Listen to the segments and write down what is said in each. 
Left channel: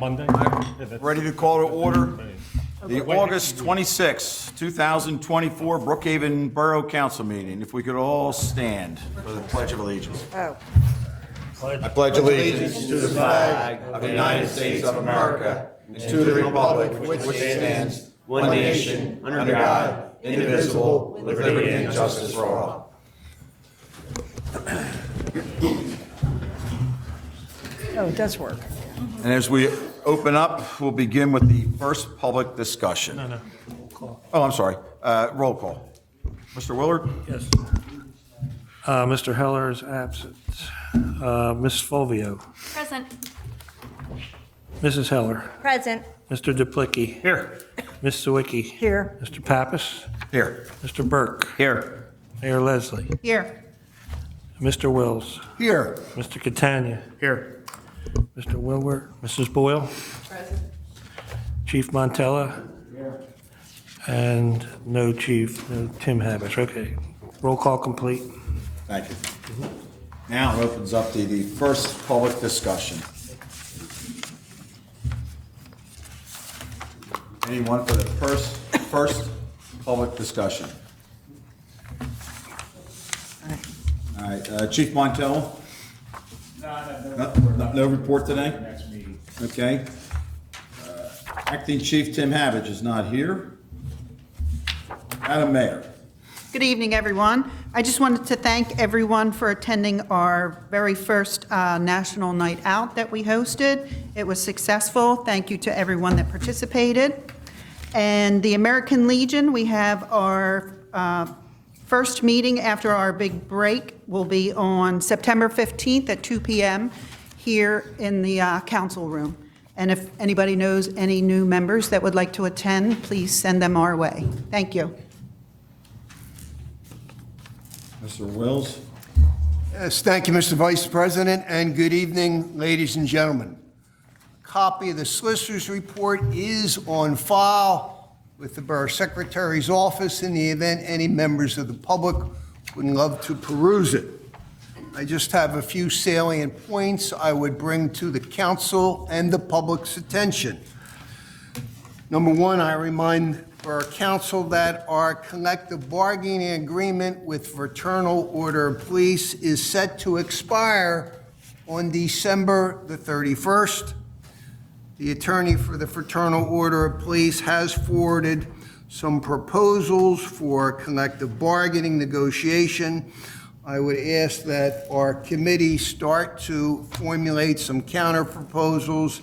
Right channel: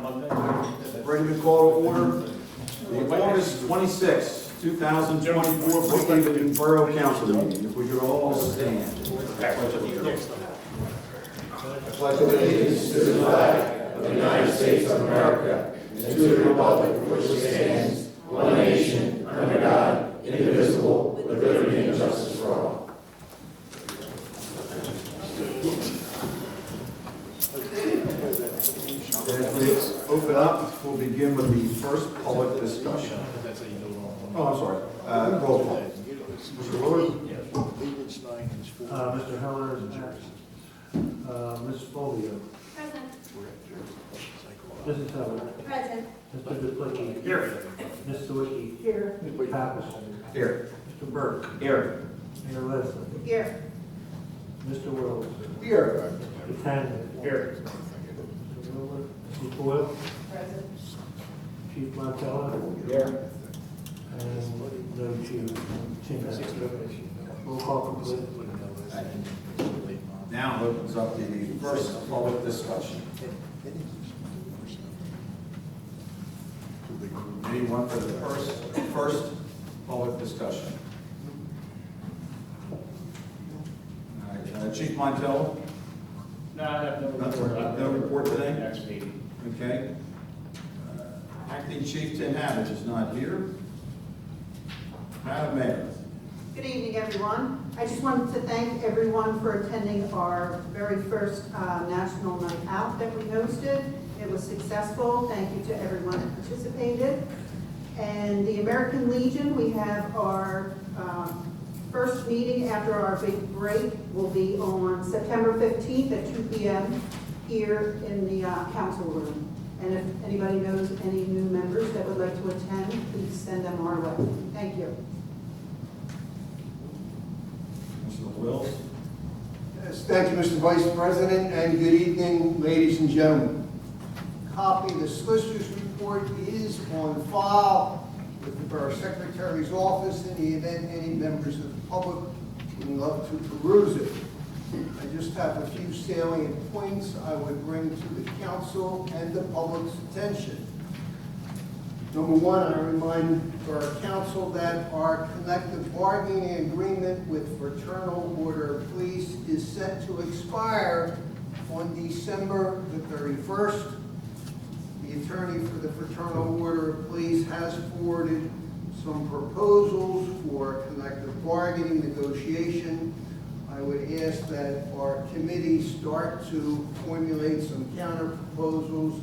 Monday. Ready to call to order the August 26, 2024 Brookhaven Borough Council meeting. If we could all stand for the Pledge of Allegiance. I pledge allegiance to the flag of the United States of America and to the republic for which it stands, one nation, under God, indivisible, with liberty and justice for all. Oh, it does work. And as we open up, we'll begin with the first public discussion. Oh, I'm sorry. Roll call. Mr. Willard? Yes. Mr. Heller is absent. Ms. Fulvio? Present. Mrs. Heller? Present. Mr. Duplicki? Here. Ms. Sawicki? Here. Mr. Pappas? Here. Mr. Burke? Here. Mayor Leslie? Here. Mr. Wills? Here. Mr. Catania? Here. Mr. Wilbur? Mrs. Boyle? Present. Chief Montella? Here. And no chief, no Tim Havis. Okay. Roll call complete. Thank you. Now it opens up to the first public discussion. Anyone for the first public discussion? All right, Chief Montel? No report today? Next meeting. Okay. Acting Chief Tim Havage is not here. Madam Mayor. Good evening, everyone. I just wanted to thank everyone for attending our very first National Night Out that we hosted. It was successful. Thank you to everyone that participated. And the American Legion, we have our first meeting after our big break will be on September 15th at 2 p.m. here in the council room. And if anybody knows any new members that would like to attend, please send them our way. Thank you. Mr. Wills. Yes, thank you, Mr. Vice President, and good evening, ladies and gentlemen. Copy of the Solicitor's Report is on file with the Borough Secretary's office in the event any members of the public would love to peruse it. I just have a few salient points I would bring to the council and the public's attention. Number one, I remind our council that our collective bargaining agreement with Fraternal Order of Police is set to expire on December the 31st. The attorney for the Fraternal Order of Police has forwarded some proposals for collective bargaining negotiation. I would ask that our committee start to formulate some counter proposals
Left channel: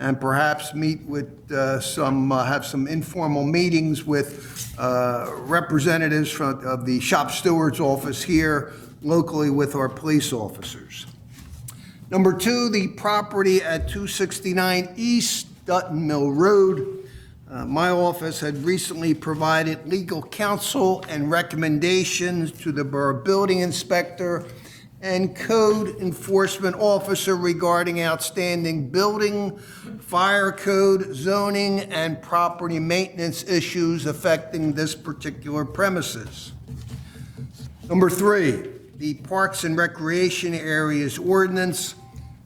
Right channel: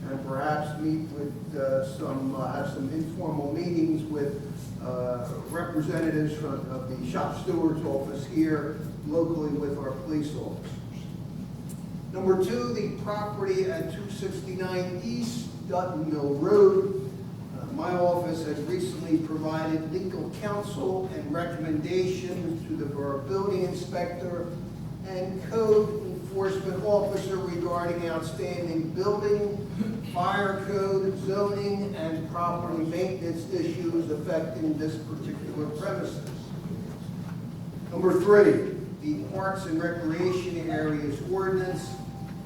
and perhaps meet with have some informal meetings with representatives of the shop steward's office here locally with our police officers. Number two, the property at 269 East Dutton Mill Road. My office had recently provided legal counsel and recommendations to the Borough Building Inspector and Code Enforcement Officer regarding outstanding building, fire code, zoning, and property maintenance issues affecting this particular premises. Number three, the Parks and Recreation Areas Ordinance.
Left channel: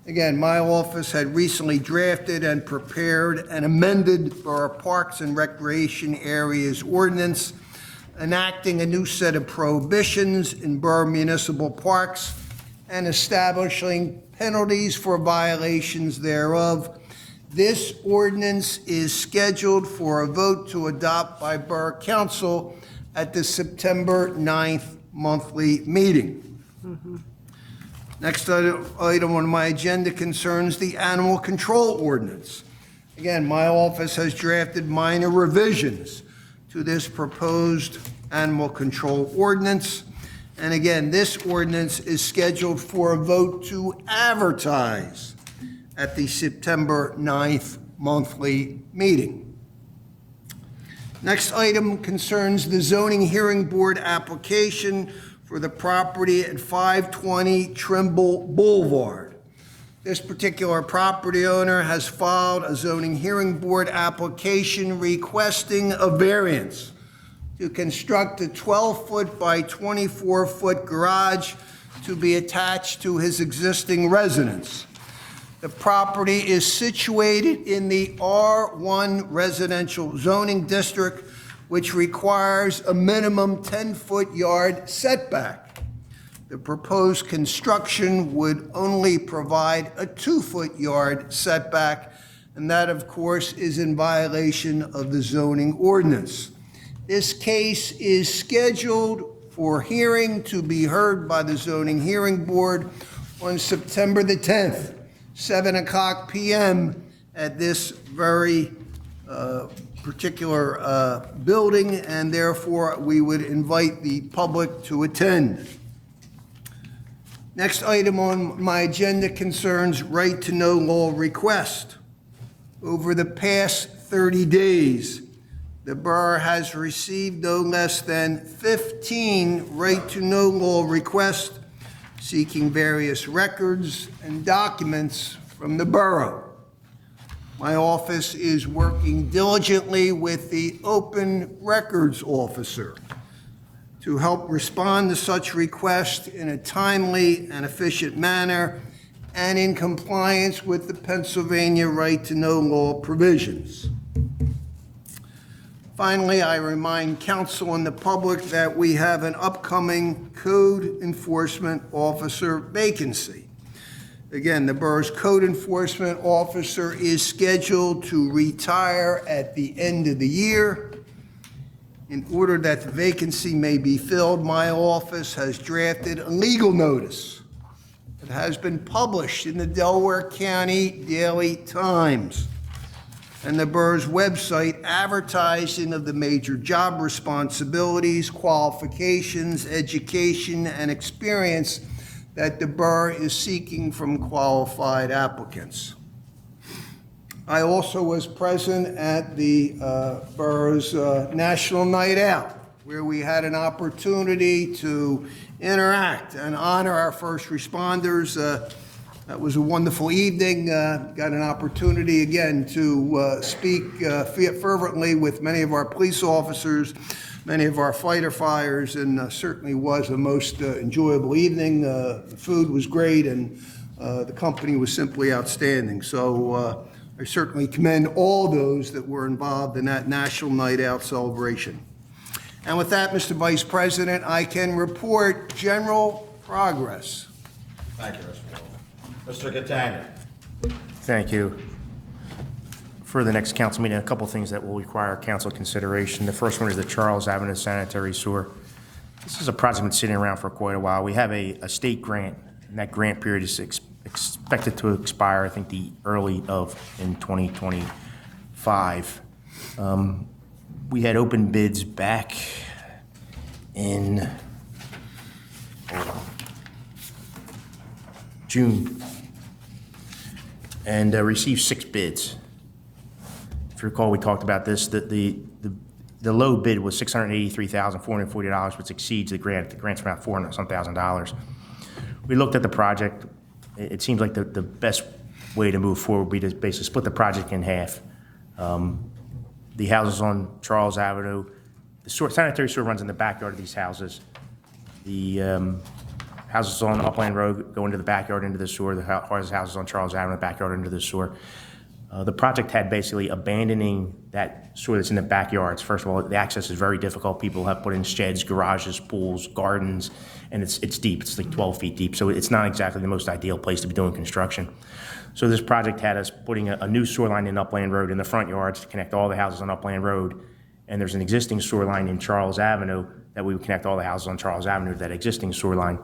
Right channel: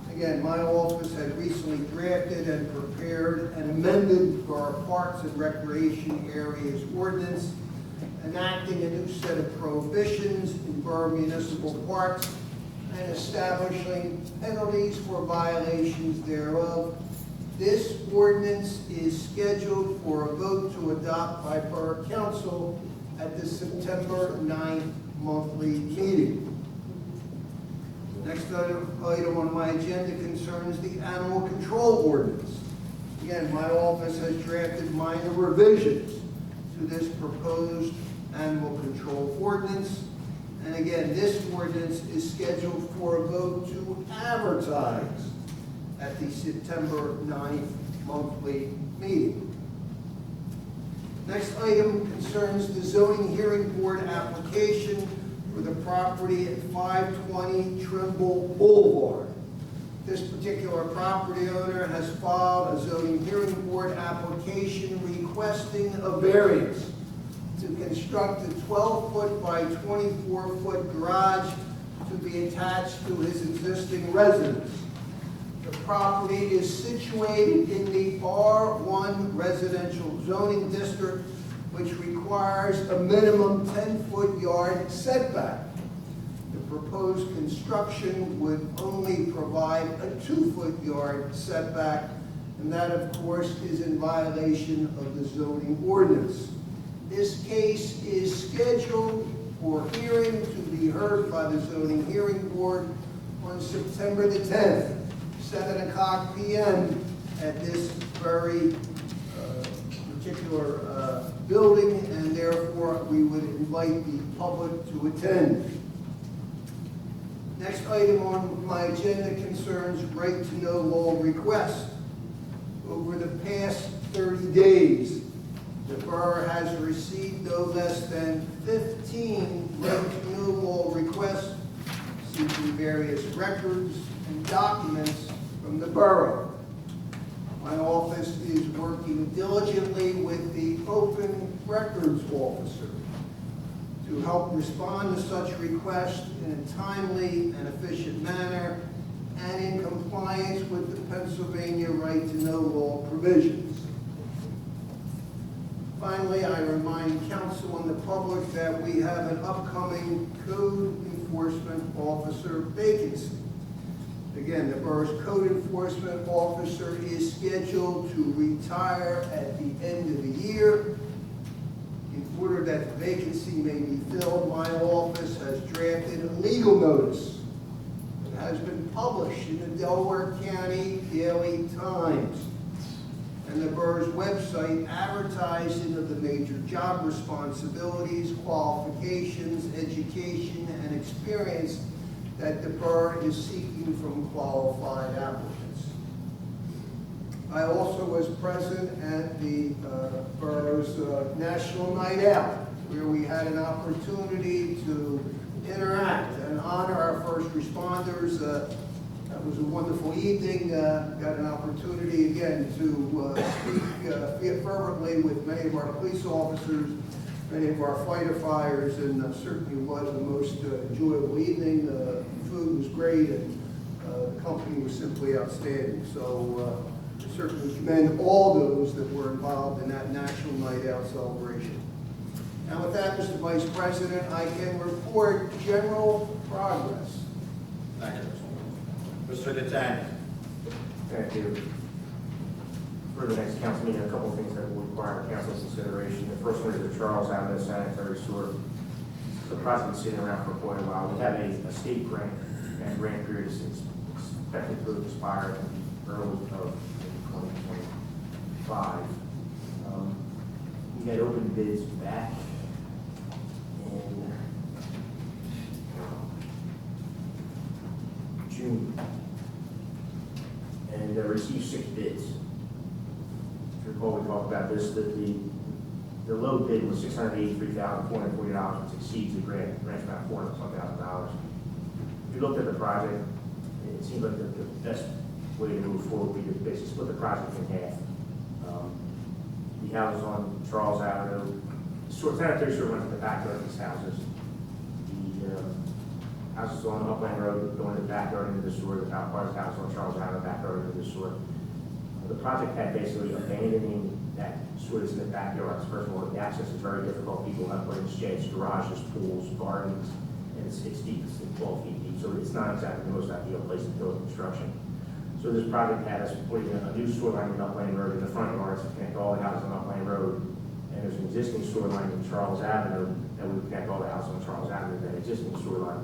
Again, my office had recently drafted and prepared and amended our Parks and Recreation Areas Ordinance, enacting a new set of prohibitions in borough municipal parks and establishing penalties for violations thereof. This ordinance is scheduled for a vote to adopt by Borough Council at the September 9th monthly meeting. Next item on my agenda concerns the Animal Control Ordinance. Again, my office has drafted minor revisions to this proposed Animal Control Ordinance. And again, this ordinance is scheduled for a vote to advertise at the September 9th monthly meeting. Next item concerns the Zoning Hearing Board application for the property at 520 Trimble Boulevard. This particular property owner has filed a Zoning Hearing Board application requesting a variance to construct a 12-foot by 24-foot garage to be attached to his existing residence. The property is situated in the R1 residential zoning district, which requires a minimum 10-foot yard setback. The proposed construction would only provide a 2-foot yard setback, and that, of course, is in violation of the zoning ordinance. This case is scheduled for hearing to be heard by the zoning hearing board on September the 10th, 7:00 p.m. at this very particular building, and therefore we would invite the public to attend. Next item on my agenda concerns right-to-know law request. Over the past 30 days, the borough has received no less than 15 right-to-know law requests seeking various records and documents from the borough. My office is working diligently with the Open Records Officer to help respond to such requests in a timely and efficient manner and in compliance with the Pennsylvania right-to-know law provisions. Finally, I remind council and the public that we have an upcoming code enforcement officer vacancy. Again, the borough's code enforcement officer is scheduled to retire at the end of the year. In order that the vacancy may be filled, my office has drafted a legal notice that has been published in the Delaware County Daily Times and the borough's website, advertising of the major job responsibilities, qualifications, education, and experience that the borough is seeking from qualified applicants. I also was present at the borough's National Night Out, where we had an opportunity to interact and honor our first responders. That was a wonderful evening. Got an opportunity again to speak fervently with many of our police officers, many of our fighter fires, and certainly was a most enjoyable evening. Food was great, and the company was simply outstanding. So I certainly commend all those that were involved in that National Night Out celebration. And with that, Mr. Vice President, I can report general progress. Thank you, Mr. Catania. Thank you. For the next council meeting, a couple things that will require council consideration. The first one is the Charles Avenue Sanitary Sewer. This is a project that's been sitting around for quite a while. We have a state grant, and that grant period is expected to expire, I think, in 2025. We had open bids back in June and received 6 bids. If you recall, we talked about this, that the low bid was $683,440, which exceeds the grant. The grant's about $400,000. We looked at the project. It seems like the best way to move forward would be to basically split the project in half. The houses on Charles Avenue, the sanitary sewer runs in the backyard of these houses. The houses on Upland Road go into the backyard into the sewer. The houses on Charles Avenue, the backyard into the sewer. The project had basically abandoning that sewer that's in the backyards. First of all, the access is very difficult. People have put in sheds, garages, pools, gardens, and it's deep. It's like 12 feet deep, so it's not exactly the most ideal place to be doing construction. So this project had us putting a new sewer line in Upland Road in the front yards to connect all the houses on Upland Road. And there's an existing sewer line in Charles Avenue that we would connect all the houses on Charles Avenue to that existing sewer line.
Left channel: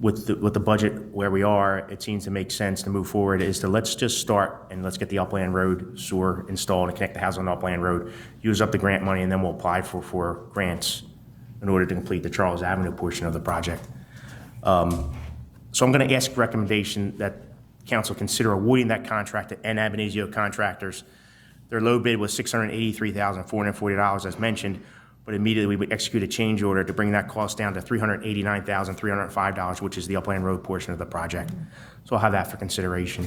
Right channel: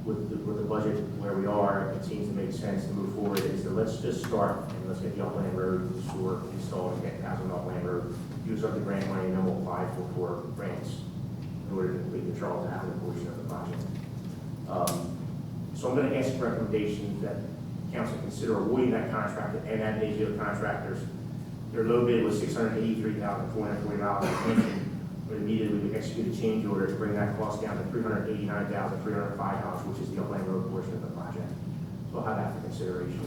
With the budget where we are, it seems to make sense to move forward is to let's just start and let's get the Upland Road sewer installed and connect the house on Upland Road, use up the grant money, and then we'll apply for grants in order to complete the Charles Avenue portion of the project. So I'm going to ask recommendation that council consider awarding that contract to N. Abenizio Contractors. Their low bid was $683,440, as mentioned, but immediately we execute a change order to bring that cost down to $389,305, which is the Upland Road portion of the project. So I'll have that for consideration.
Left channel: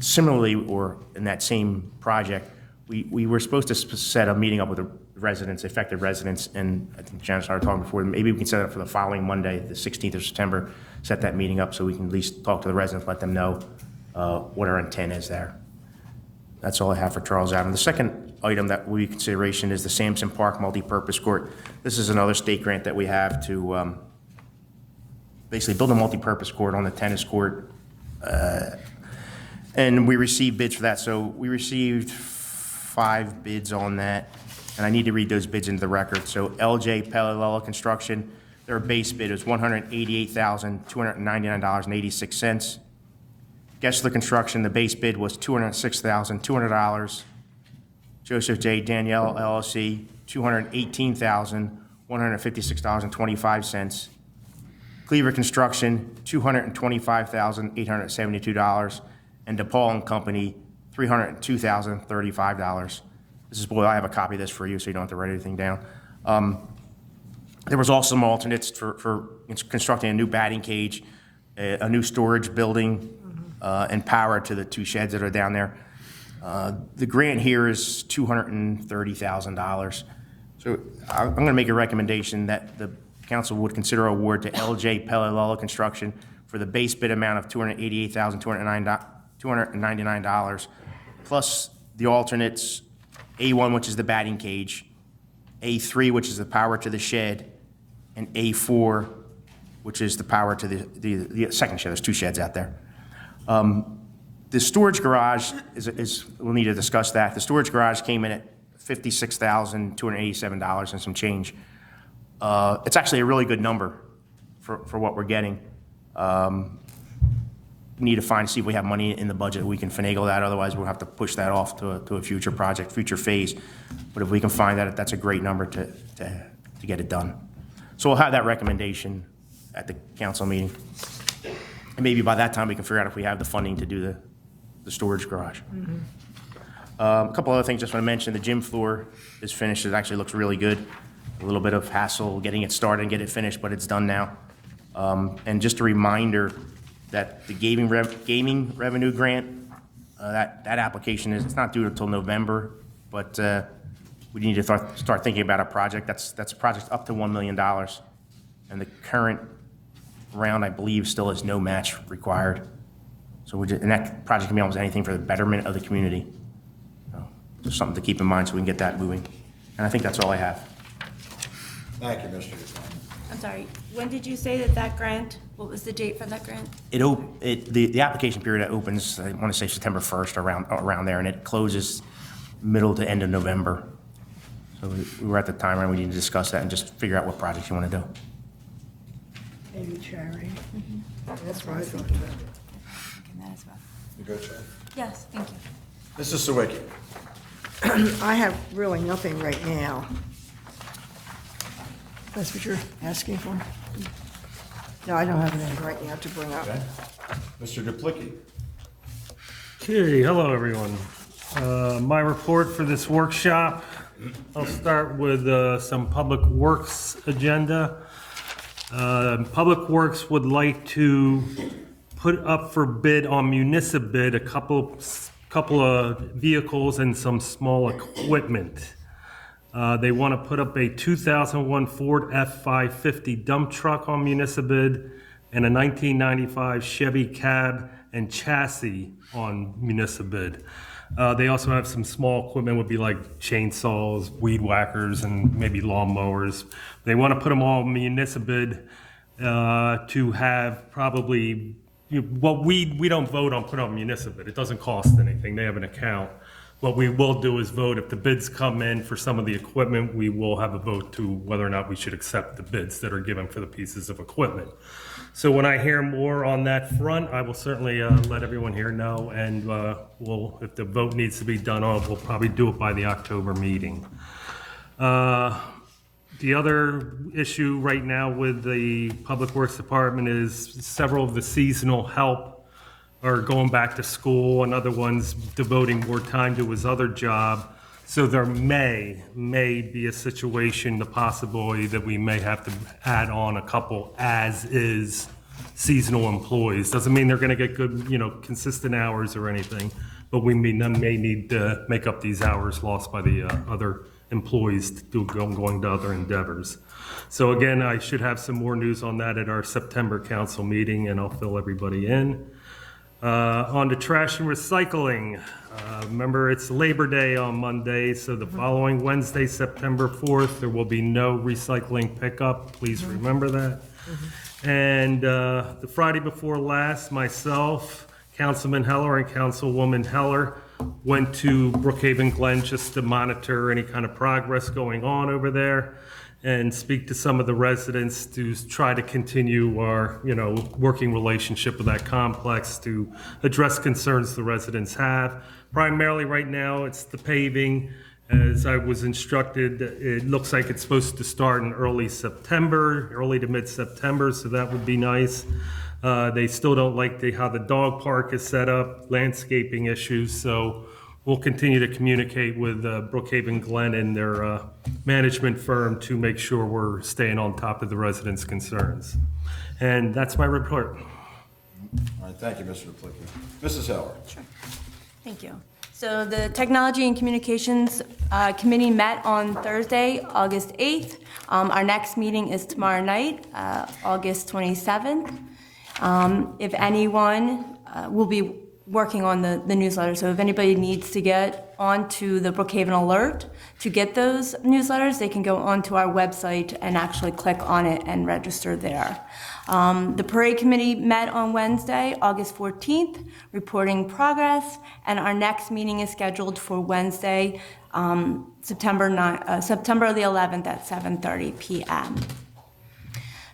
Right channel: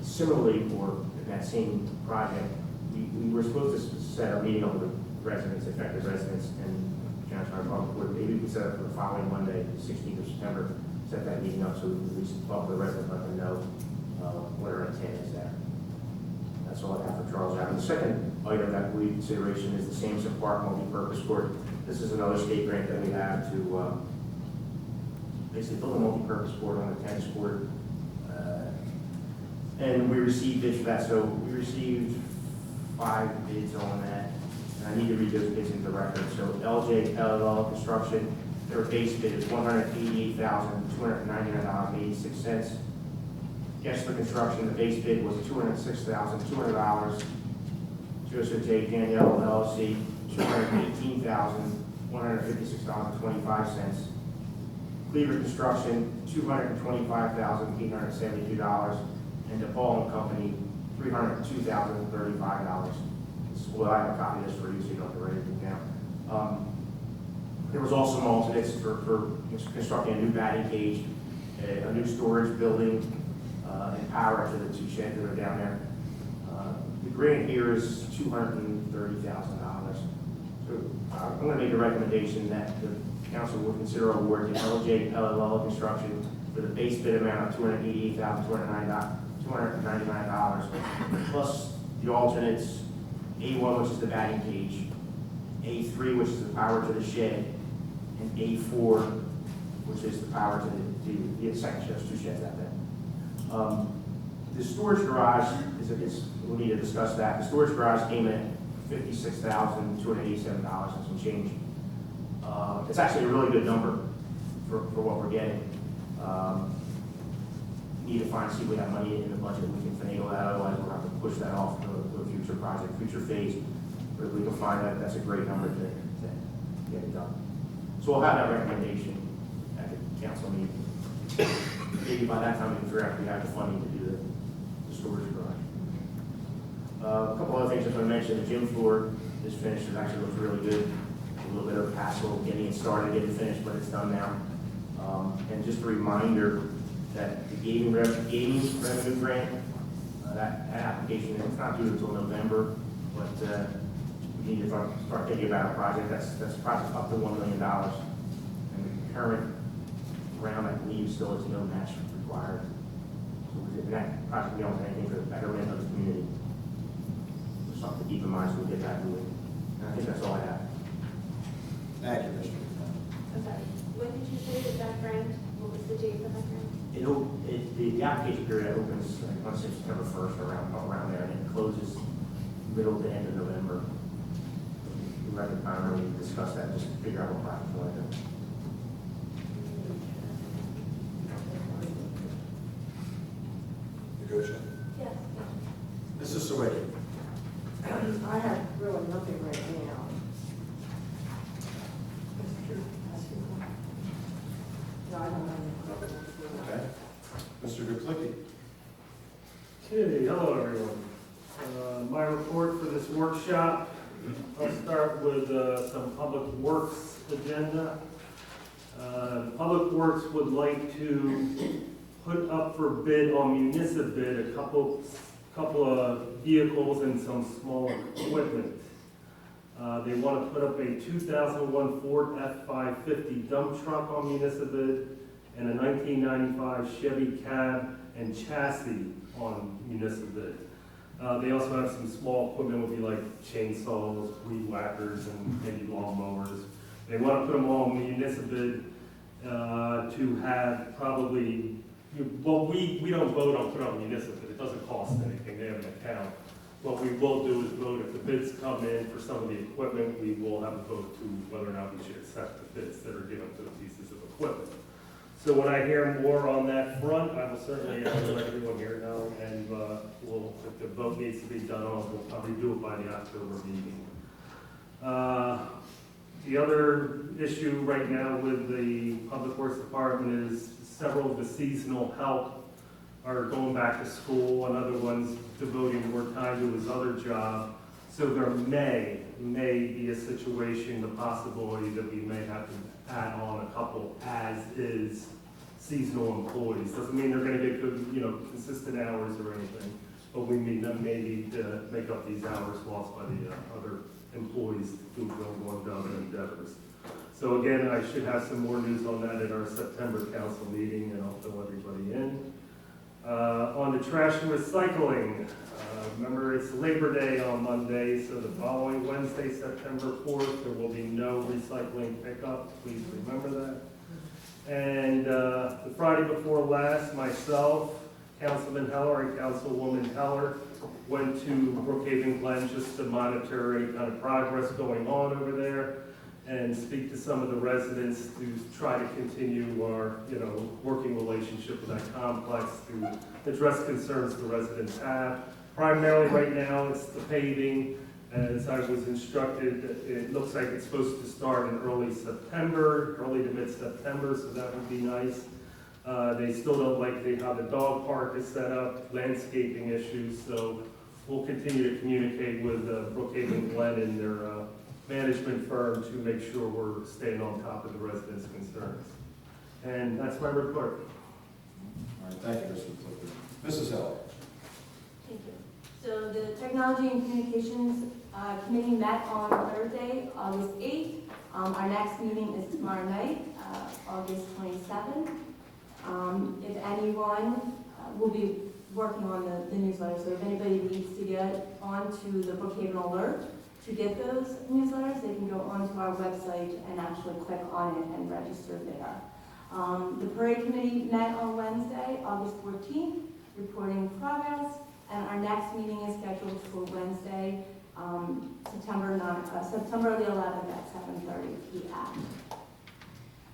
Similarly, or in that same project, we were supposed to set a meeting up with the residents, affected residents, and I think Janice and I were talking before, maybe we can set it up for the following Monday, the 16th of September, set that meeting up so we can at least talk to the residents, let them know what our intent is there. That's all I have for Charles Avenue. The second item that will be consideration is the Sampson Park multipurpose court. This is another state grant that we have to basically build a multipurpose court on the tennis court. And we received bids for that. So we received 5 bids on that. And I need to read those bids into the record. So LJ Pellalala Construction, their base bid is $188,299.86. Gessler Construction, the base bid was $206,200. Joseph J. Danielle LLC, $218,156.25. Cleaver Construction, $225,872. And DePaul and Company, $302,035. This is, boy, I have a copy of this for you, so you don't have to write anything down. There was also some alternates for constructing a new batting cage, a new storage building, and power to the 2 sheds that are down there. The grant here is $230,000. So I'm going to make a recommendation that the council would consider award to LJ Pellalala Construction for the base bid amount of $288,299, plus the alternates, A1, which is the batting cage, A3, which is the power to the shed, and A4, which is the power to the second shed. There's 2 sheds out there. The storage garage we'll need to discuss that. The storage garage came in at $56,287 and some change. It's actually a really good number for what we're getting. Need to see if we have money in the budget. We can finagle that. Otherwise, we'll have to push that off to a future project, future phase. But if we can find that, that's a great number to get it done. So we'll have that recommendation at the council meeting. And maybe by that time, we can figure out if we have the funding to do the storage garage. A couple other things I just want to mention. The gym floor is finished. It actually looks really good. A little bit of hassle getting it started, get it finished, but it's done now. And just a reminder that the gaming revenue grant, that application it's not due until November, but we need to start thinking about a project. That's a project up to $1 million. And the current round, I believe, still has no match required. So and that project can be almost anything for the betterment of the community. Just something to keep in mind so we can get that moving. And I think that's all I have. Thank you, Mr. I'm sorry, when did you say that grant, what was the date for that grant? The application period opens, I want to say September 1st, around there, and it closes middle to end of November. So we're at the time where we need to discuss that and just figure out what projects you want to do. Maybe charity. That's what I thought. You good, sir? Yes, thank you. Mrs. Sawicki. I have really nothing right now. That's what you're asking for? No, I don't have anything right now to bring up. Okay. Mr. Duplicki. Okay, hello everyone. My report for this workshop, I'll start with some Public Works agenda. Public Works would like to put up for bid on Municipid a couple of vehicles and some small equipment. They want to put up a 2001 Ford F550 dump truck on Municipid and a 1995 Chevy cab and chassis on Municipid. They also have some small equipment, would be like chainsaws, weed whackers, and maybe lawn mowers. They want to put them all on Municipid to have probably, well, we don't vote on putting on Municipid. It doesn't cost anything. They have an account. What we will do is vote. If the bids come in for some of the equipment, we will have a vote to whether or not we should accept the bids that are given for the pieces of equipment. So when I hear more on that front, I will certainly let everyone here know, and if the vote needs to be done on, we'll probably do it by the October meeting. The other issue right now with the Public Works Department is several of the seasonal help are going back to school, and other ones devoting more time to his other job. So there may be a situation, the possibility that we may have to add on a couple as-is seasonal employees. Doesn't mean they're gonna get good, consistent hours or anything, but we may need to make up these hours lost by the other employees going to other endeavors. So again, I should have some more news on that at our September council meeting, and I'll fill everybody in. On to trash and recycling. Remember, it's Labor Day on Monday, so the following Wednesday, September 4th, there will be no recycling pickup. Please remember that. And the Friday before last, myself, Councilman Heller and Councilwoman Heller went to Brookhaven Glen just to monitor any kind of progress going on over there and speak to some of the residents to try to continue our, working relationship with that complex to address concerns the residents have. Primarily right now, it's the paving. As I was instructed, it looks like it's supposed to start in early to mid-September, so that would be nice. They still don't like how the dog park is set up, landscaping issues, so we'll continue to communicate with Brookhaven Glen and their management firm to make sure we're staying on top of the residents' concerns. And that's my report. All right, thank you, Mr. McClickey. Mrs. Heller. Thank you. So the Technology and Communications Committee met on Thursday, August 8th. Our next meeting is tomorrow night, August 27th. If anyone will be working on the newsletter, so if anybody needs to get onto the Brookhaven Alert to get those newsletters, they can go onto our website and actually click on it and register there. The Parade Committee met on Wednesday, August 14th, reporting progress, and our next meeting is scheduled for Wednesday, September the 11th at 7:30 p.m.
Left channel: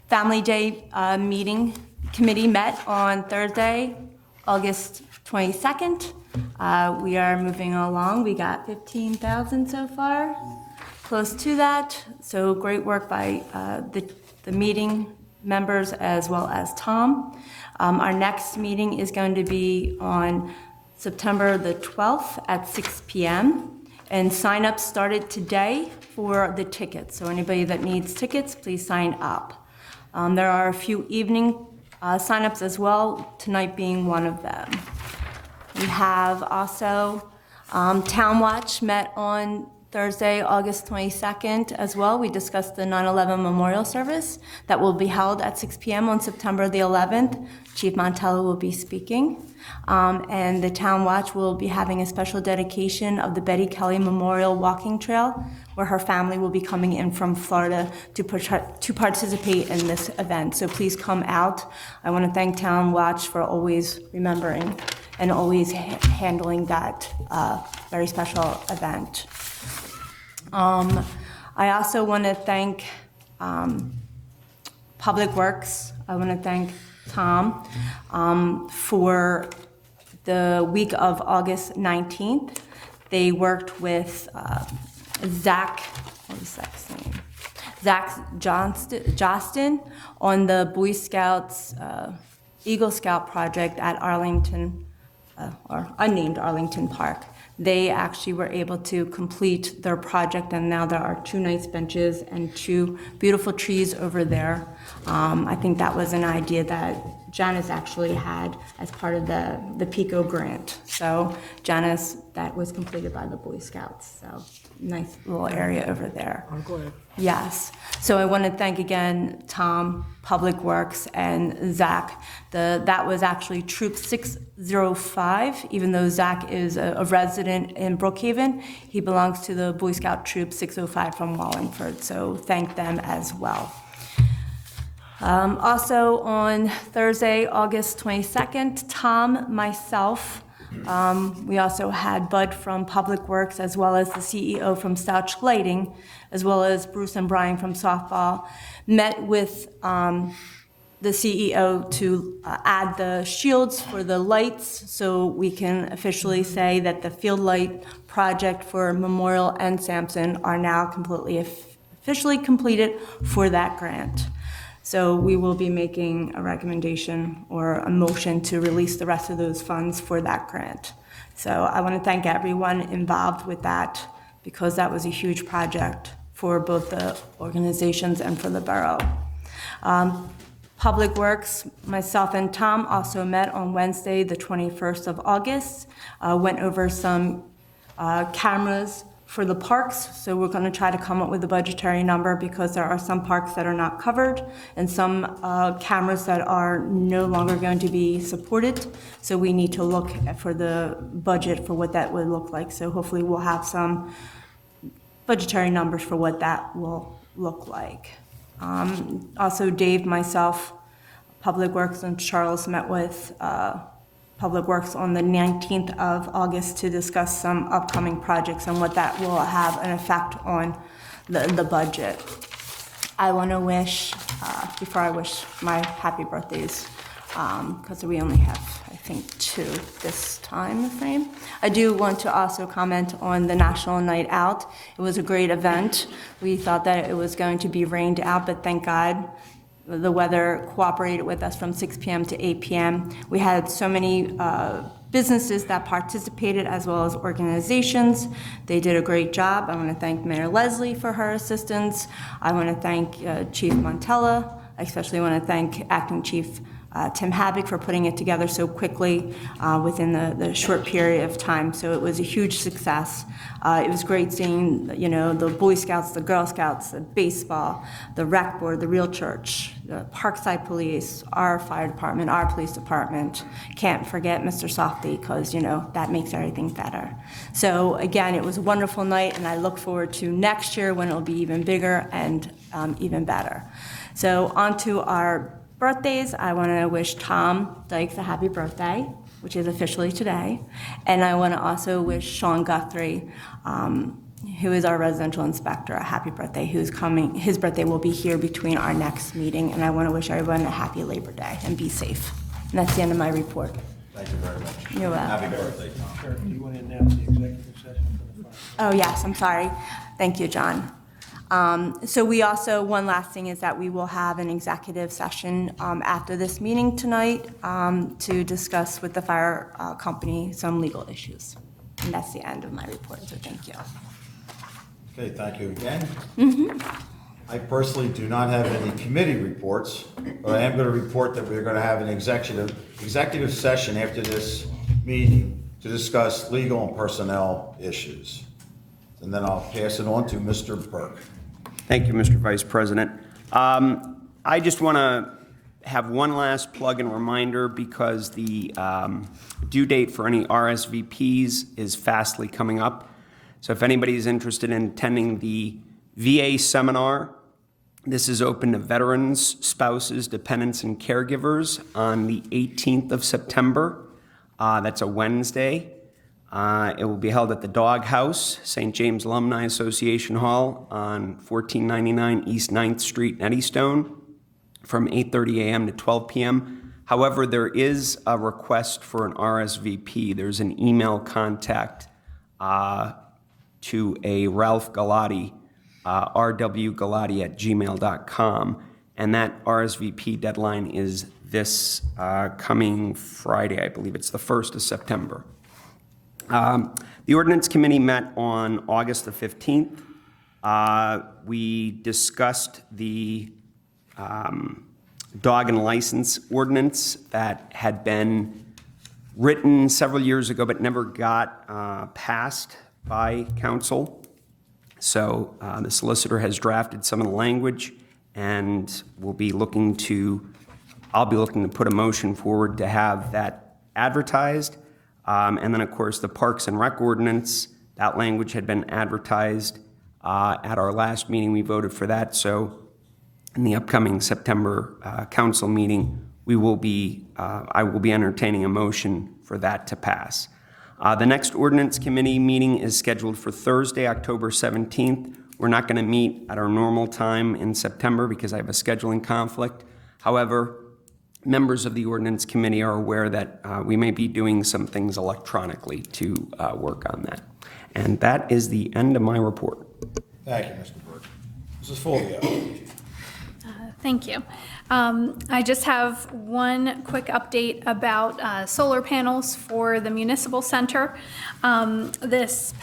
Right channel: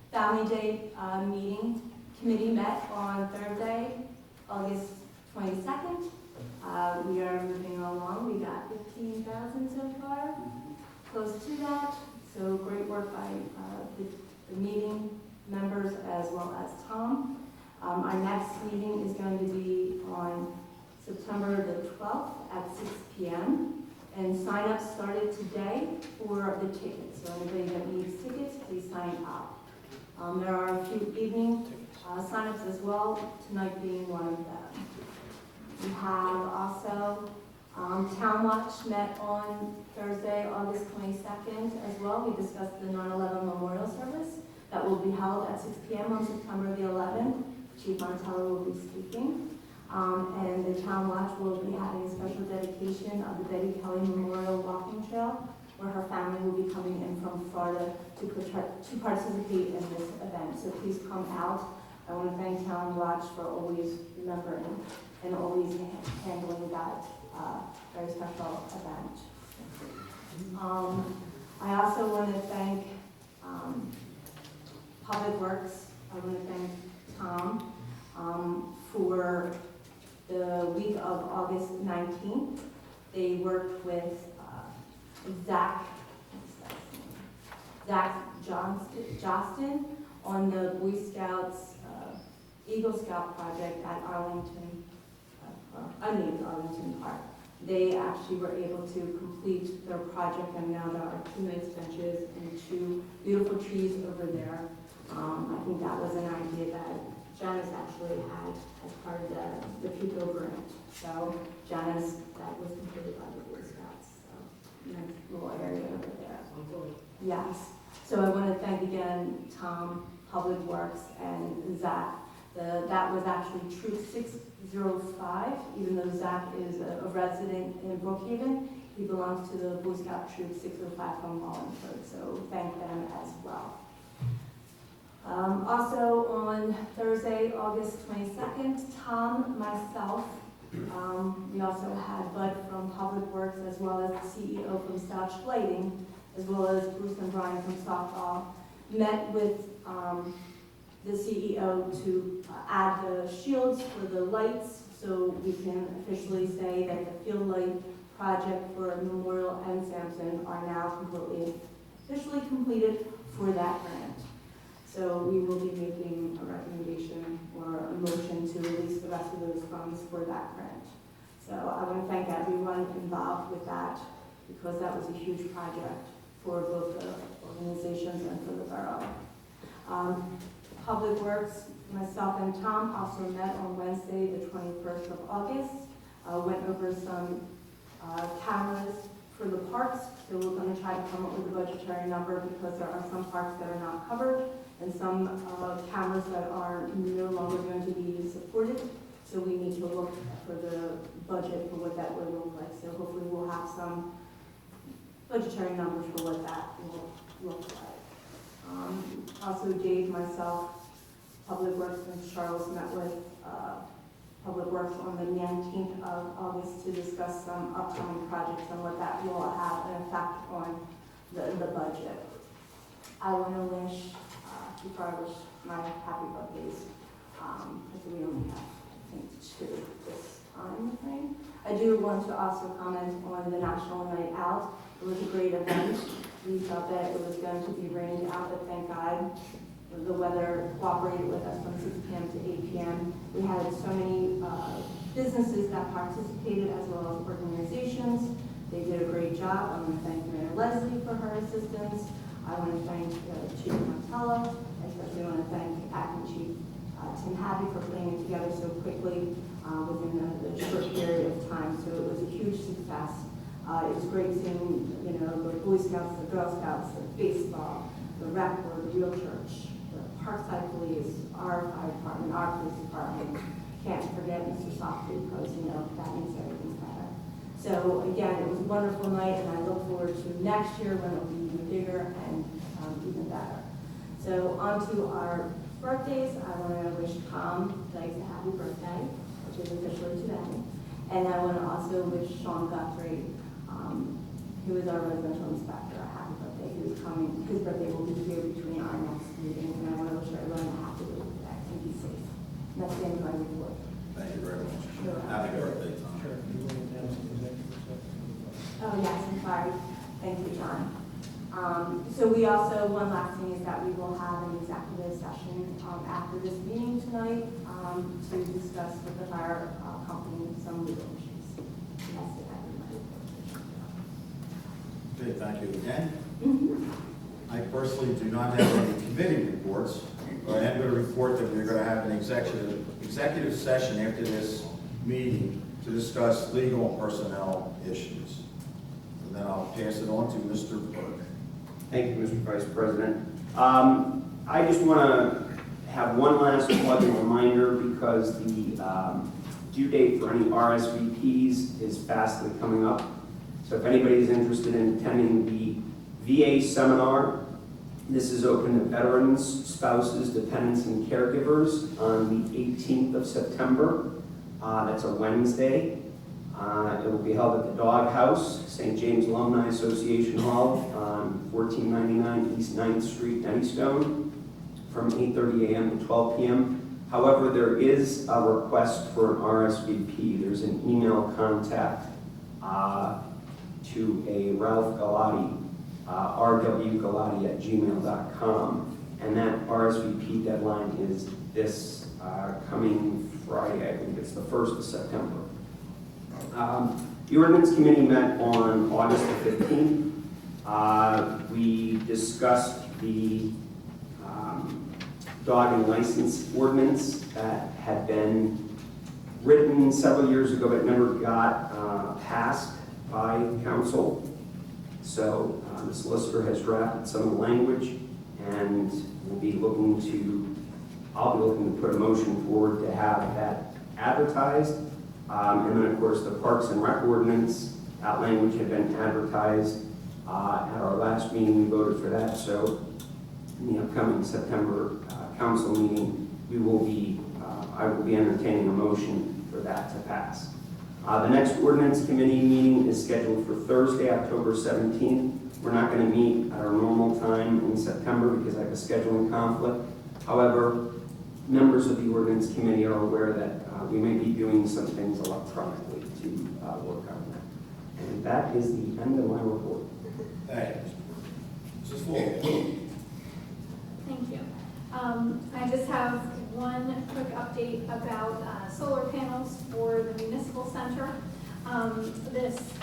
Family Day Committee met on Thursday, August 22nd. We are moving along. We got 15,000 so far, close to that. So great work by the meeting members as well as Tom. Our next meeting is going to be on September the 12th at 6 p.m. And sign-ups started today for the tickets. So anybody that needs tickets, please sign up. There are a few evening sign-ups as well, tonight being one of them. We have also Town Watch met on Thursday, August 22nd as well. We discussed the 9/11 memorial service that will be held at 6 p.m. on September the 11th. Chief Montello will be speaking. And the Town Watch will be having a special dedication of the Betty Kelly Memorial Walking Trail, where her family will be coming in from Florida to participate in this event. So please come out. I want to thank Town Watch for always remembering and always handling that very special event. I also want to thank Public Works. I want to thank Tom for the week of August 19th. They worked with Zach Johnston on the Boy Scouts Eagle Scout project at Arlington, or unnamed Arlington Park. They actually were able to complete their project, and now there are 2 nice benches and 2 beautiful trees over there. I think that was an idea that Janice actually had as part of the PICO grant. So Janice, that was completed by the Boy Scouts. So nice little area over there. I'm glad. Yes. So I want to thank again Tom, Public Works, and Zach. That was actually Troop 605, even though Zach is a resident in Brookhaven. He belongs to the Boy Scout Troop 605 from Wallingford. So thank them as well. Also on Thursday, August 22nd, Tom, myself, we also had Bud from Public Works, as well as the CEO from Stouch Lighting, as well as Bruce and Brian from Softball, met with the CEO to add the shields for the lights, so we can officially say that the field light project for Memorial and Sampson are now officially completed for that grant. So we will be making a recommendation or a motion to release the rest of those funds for that grant. So I want to thank everyone involved with that, because that was a huge project for both the organizations and for the borough. Public Works, myself and Tom also met on Wednesday, the 21st of August, went over some cameras for the parks, so we're going to try to come up with a budgetary number because there are some parks that are not covered and some cameras that are no longer going to be supported. So we need to look for the budget for what that would look like. So hopefully we'll have some budgetary numbers for what that will look like. Also, Dave, myself, Public Works, and Charles met with Public Works on the 19th of August to discuss some upcoming projects and what that will have an effect on the budget. I want to wish, before I wish my happy birthdays, because we only have, I think, 2 this time frame. I do want to also comment on the National Night Out. It was a great event. We thought that it was going to be rained out, but thank God the weather cooperated with us from 6 p.m. to 8 p.m. We had so many businesses that participated as well as organizations. They did a great job. I want to thank Mayor Leslie for her assistance. I want to thank Chief Montella. I especially want to thank Acting Chief Tim Habig for putting it together so quickly within the short period of time. So it was a huge success. It was great seeing, the Boy Scouts, the Girl Scouts, the baseball, the rec board, the Real Church, the Parkside Police, our fire department, our police department. Can't forget Mr. Softy because, that makes everything better. So again, it was a wonderful night, and I look forward to next year when it'll be even bigger and even better. So on to our birthdays. I want to wish Tom Dykes a happy birthday, which is officially today. And I want to also wish Sean Guthrie, who is our residential inspector, a happy birthday, who's coming. His birthday will be here between our next meeting, and I want to wish everyone a happy Labor Day and be safe. And that's the end of my report. Thank you very much. You're welcome. Happy birthday, Tom. Sure, you want to announce the executive session? Oh, yes, I'm sorry. Thank you, John. So we also, one last thing is that we will have an executive session after this meeting tonight to discuss with the fire company some legal issues. And that's the end of my report, so thank you. Okay, thank you again. I personally do not have any committee reports, but I am going to report that we're going to have an executive session after this meeting to discuss legal and personnel issues. And then I'll pass it on to Mr. Burke. Thank you, Mr. Vice President. I just want to have one last plug and reminder because the due date for any RSVPs is fastly coming up. So if anybody is interested in attending the VA seminar, this is open to veterans, spouses, dependents, and caregivers on the 18th of September. That's a Wednesday. It will be held at the Dog House, St. James Alumni Association Hall on 1499 East 9th Street in Eddystone from 8:30 a.m. to 12 p.m. However, there is a request for an RSVP. There's an email contact to a Ralph Galati, rwgalati@gmail.com, and that RSVP deadline is this coming Friday. I believe it's the 1st of September. The Ordinance Committee met on August the 15th. We discussed the dog and license ordinance that had been written several years ago but never got passed by council. So the solicitor has drafted some of the language, and I'll be looking to put a motion forward to have that advertised. And then, of course, the Parks and Rec ordinance, that language had been advertised at our last meeting. We voted for that. So in the upcoming September council meeting, I will be entertaining a motion for that to pass. The next ordinance committee meeting is scheduled for Thursday, October 17th. We're not going to meet at our normal time in September because I have a scheduling conflict. However, members of the ordinance committee are aware that we may be doing some things electronically to work on that. And that is the end of my report. Thank you, Mr. Burke. Mrs. Fulvio. Thank you. I just have one quick update about solar panels for the municipal center. Last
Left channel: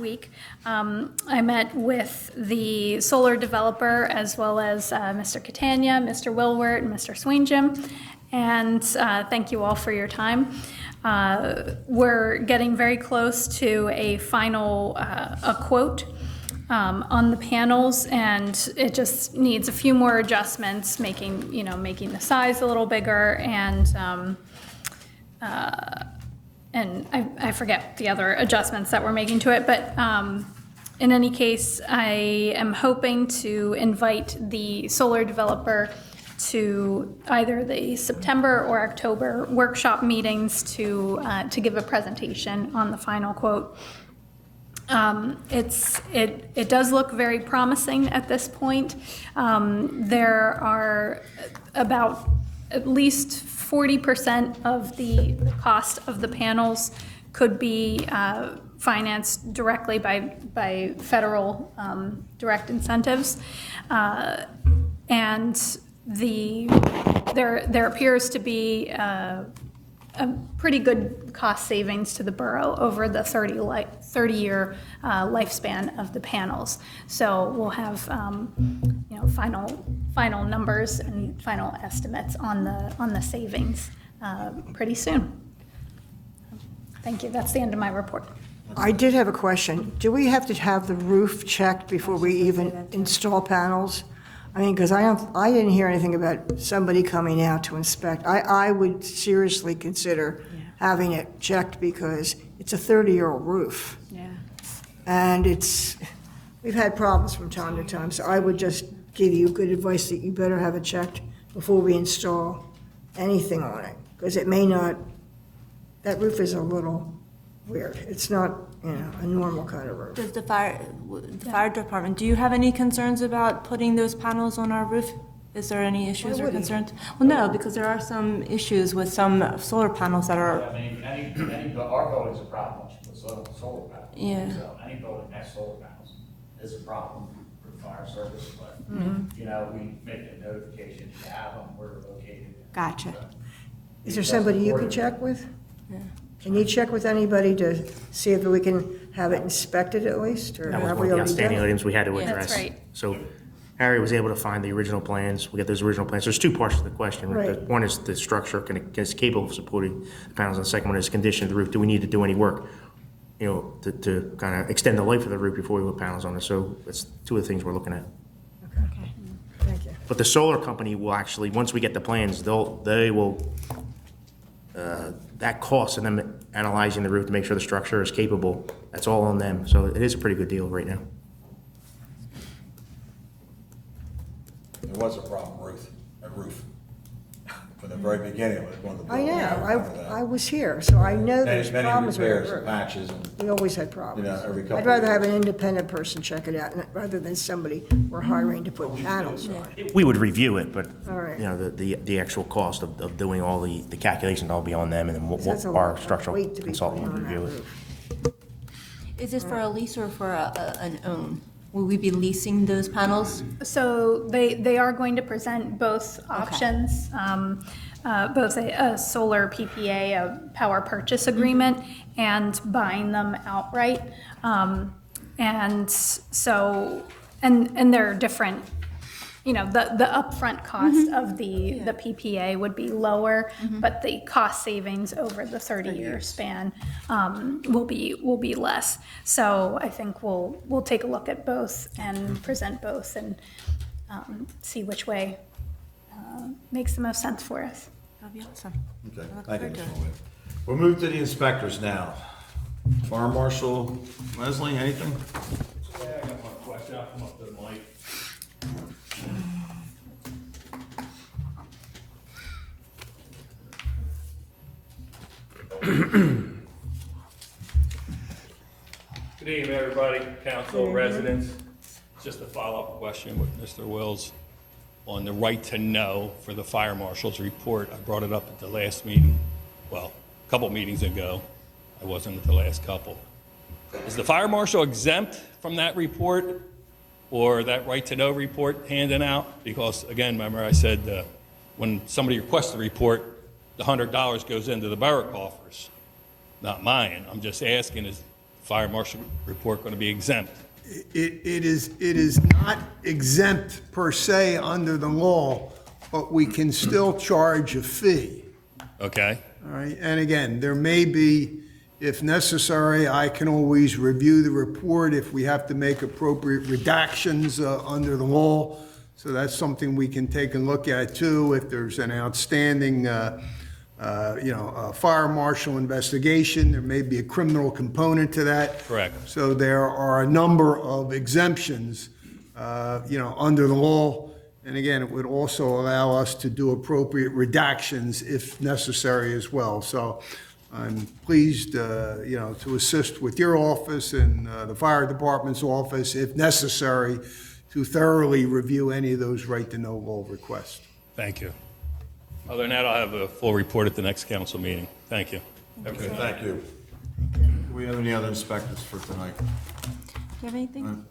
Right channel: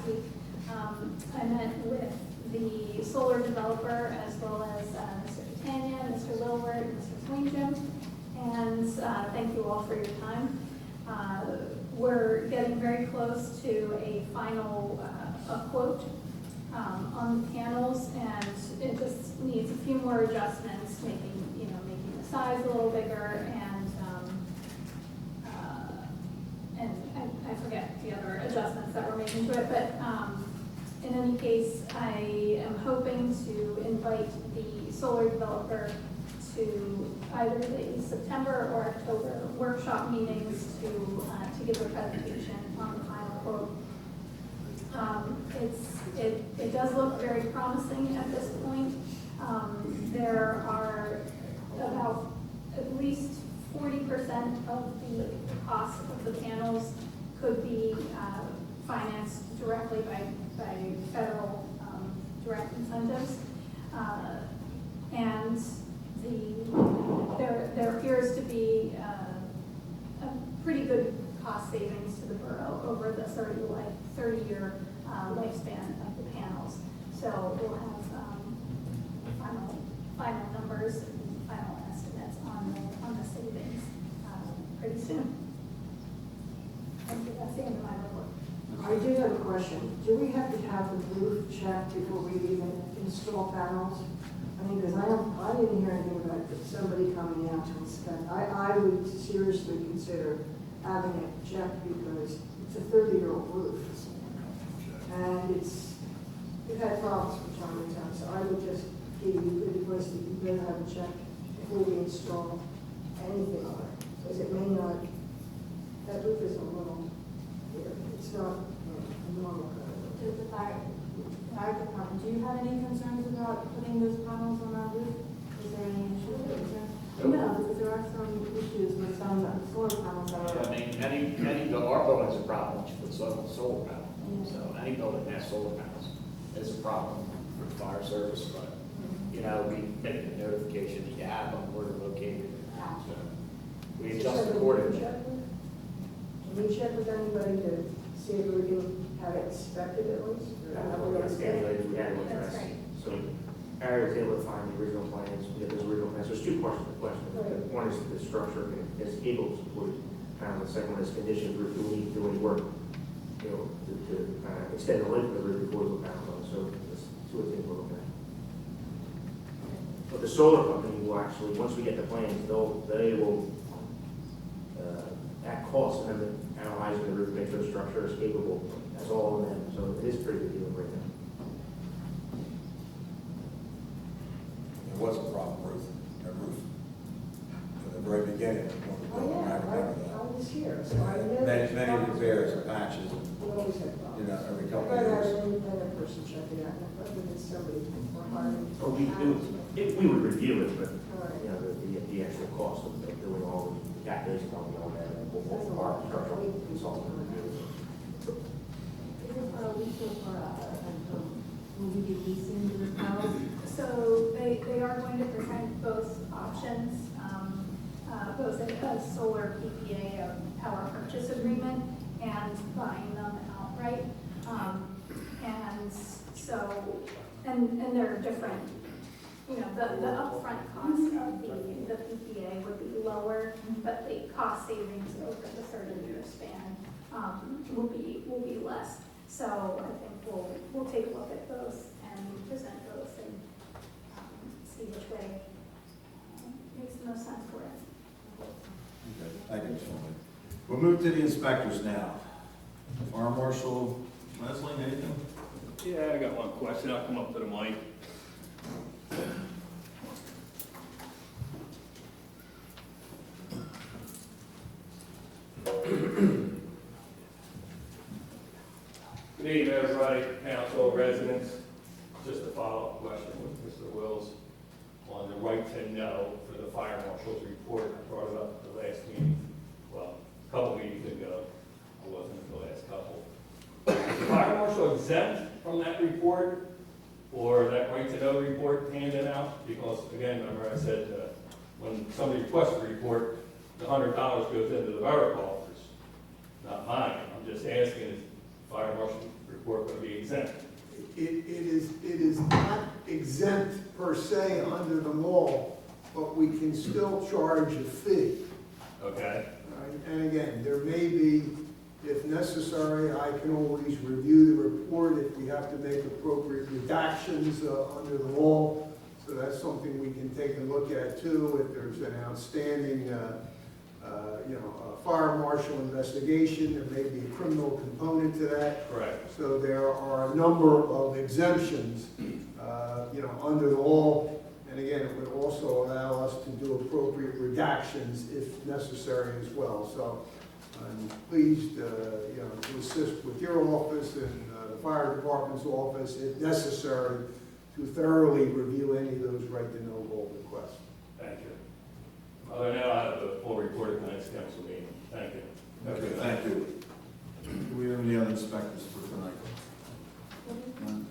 week, I met with the solar developer as well as Mr. Catania, Mr. Wilwert, and Mr. Swinjum, and thank you all for your time. We're getting very close to a final a quote on the panels, and it just needs a few more adjustments, making the size a little bigger, and I forget the other adjustments that we're making to it, but in any case, I am hoping to invite the solar developer to either the September or October workshop meetings to give a presentation on the final quote. It does look very promising at this point. There are about at least 40% of the cost of the panels could be financed directly by federal direct incentives, and there appears to be a pretty good cost savings to the borough over the 30-year lifespan of the panels. So we'll have final numbers and final estimates on the savings pretty soon. Thank you. That's the end of my report. I did have a question. Do we have to have the roof checked before we even install panels? I mean, because I didn't hear anything about somebody coming out to inspect. I would seriously consider having it checked because it's a 30-year-old roof. Yeah. And we've had problems from time to time, so I would just give you good advice that you better have it checked before we install anything on it, because it may not, that roof is a little weird. It's not, a normal kind of roof. Does the fire department, do you have any concerns about putting those panels on our roof? Is there any issues or concerns? Well, no, because there are some issues with some solar panels that are. I mean, our building's a problem with solar panels. Yeah. So any building that has solar panels is a problem for the fire service, but, we make a notification to have them where they're located. Gotcha. Is there somebody you can check with? Can you check with anybody to see if we can have it inspected at least, or That was have one we of the already done outstanding it? items we had to Yeah, address. that's right. So Harry was able to find the original plans. We got those original plans. There's two parts to the question. Right. One is the structure is capable of supporting the panels, and the second one is condition of the roof. Do we need to do any work, to kind of extend the life of the roof before we put panels on it? So that's two of the things we're looking at. Thank you. But the solar company will actually, once we get the plans, they will, that cost of them analyzing the roof to make sure the structure is capable, that's all on them. So it is a pretty good deal right now. There was a problem, roof, from the very beginning of it. I know, I was here, so I know there's Many problems with repairs the and roof. patches, and, We always had problems. every couple I'd rather of have years. an independent person check it out, rather than somebody we're hiring to put panels on. We would review it, but, All right. the actual cost of doing all the calculations will be on them, and then So that's a our lot of structural weight to be consultant putting would on that review it. roof. Is this for a lease or for an own? Will we be leasing those panels? So they are going to present both options, both a solar PPA, a power purchase agreement, and buying them outright. And so, and they're different, the upfront cost of the PPA would be lower, but the cost savings over the 30-year span will be less. So I think we'll take a look at both and present both and see which way makes the most sense for us. That'd be awesome. Okay, thank you, Mr. Lloyd. We'll move to the inspectors now. Fire Marshal Leslie, anything? Yeah, I got one question. I'll come up to the mic. Good evening, everybody, council, residents. Just a follow-up question with Mr. Wills on the right to know for the fire marshal's report. I brought it up at the last meeting, well, a couple meetings ago. I wasn't at the last couple. Is the fire marshal exempt from that report or that right to know report handing out? Because again, remember I said when somebody requests a report, the $100 goes into the borough coffers, not mine. I'm just asking, is the fire marshal report going to be exempt? It is not exempt per se under the law, but we can still charge a fee. Okay, All right, and again, there may be, if necessary, I can always review the report if we have to make appropriate redactions under the law. So that's something we can take a look at too, if there's an outstanding, fire marshal investigation, there may be a criminal component to that. Correct. So there are a number of exemptions, under the law. And again, it would also allow us to do appropriate redactions if necessary as well. So I'm pleased, to assist with your office and the fire department's office, if necessary, to thoroughly review any of those right-to-know law requests. Thank you. Other than that, I'll have a full report at the next council meeting. Thank you. Okay, thank you. Do we have any other inspectors for tonight? Do you have anything?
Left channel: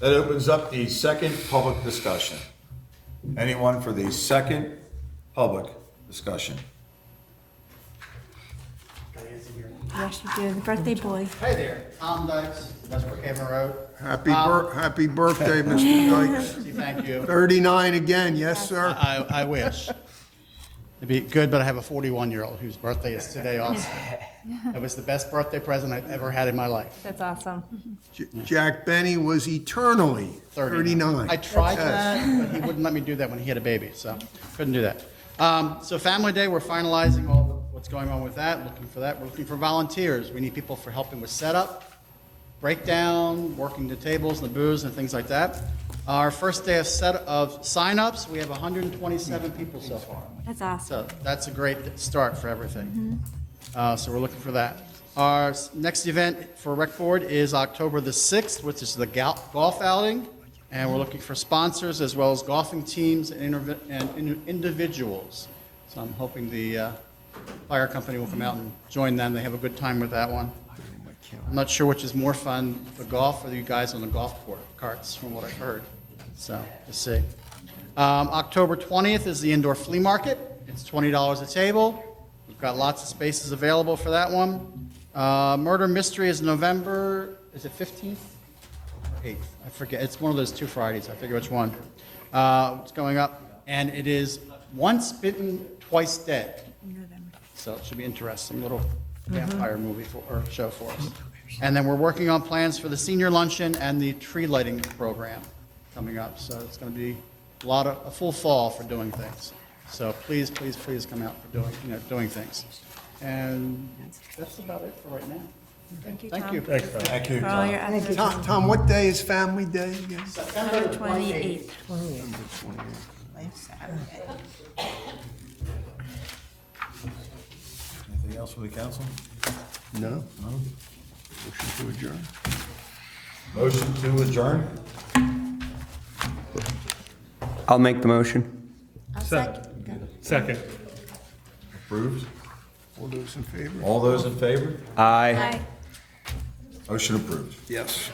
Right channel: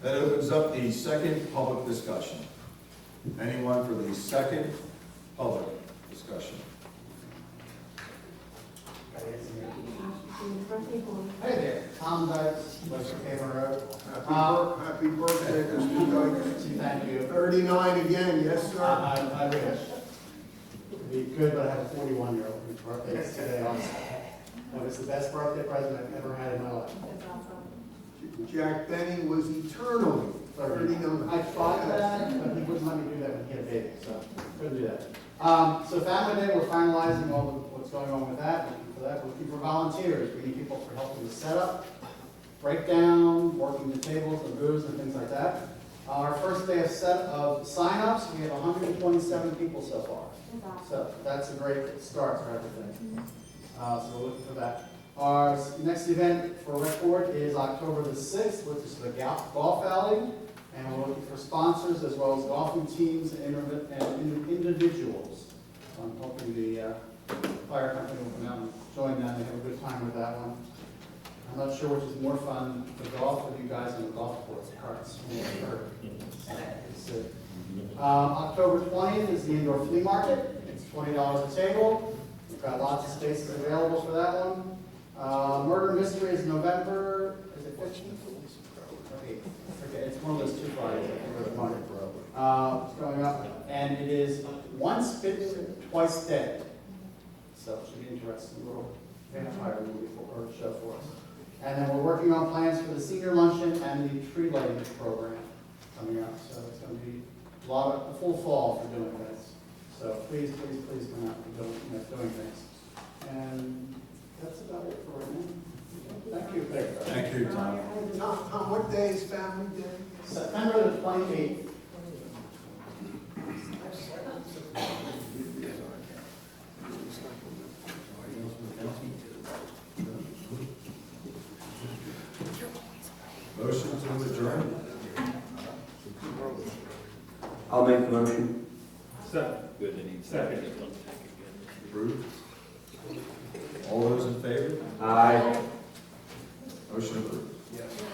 That opens up the second public discussion. Anyone for the second public discussion? Yes, you do. The birthday boy. Hey there, Tom Dykes, West Brookhaven Road. Happy birthday, Mr. Dykes. Thank you. 39 again, yes, sir? I wish. It'd be good, but I have a 41-year-old whose birthday is today also. That was the best birthday present I've ever had in my life. That's awesome. Jack Benny was eternally 39. I tried that, but he wouldn't let me do that when he had a baby, so couldn't do that. So Family Day, we're finalizing what's going on with that, looking for that. We're looking for volunteers. We need people for helping with setup, breakdown, working the tables, the booths, and things like that. Our first day of sign-ups, we have 127 people so far. That's awesome. So that's a great start for everything. So we're looking for that. Our next event for Rec Board is October the 6th, which is the golf outing. And we're looking for sponsors as well as golfing teams and individuals. So I'm hoping the fire company will come out and join them. They have a good time with that one. I'm not sure which is more fun, the golf or you guys on the golf carts, from what I've heard. So we'll see. October 20th is the indoor flea market. It's $20 a table. We've got lots of spaces available for that one. Murder Mystery is November, is it 15th? Or 8th? I forget. It's one of those 2 Fridays. I forget which one. It's going up. And it is Once Bitten, Twice Dead. So it should be interesting. Little vampire movie or show for us. And then we're working on plans for the senior luncheon and the tree lighting program coming up. So it's going to be a full fall for doing things. So please, please, please come out for doing things. And that's about it for right now. Thank you. Thank you, For all your efforts. Tom, what day is Family Day again? September 28th. Anything else from the council? No? Motion to adjourn? I'll make the motion. Second. Approved? All those in favor? All those in favor? Aye. Motion approved. Yes.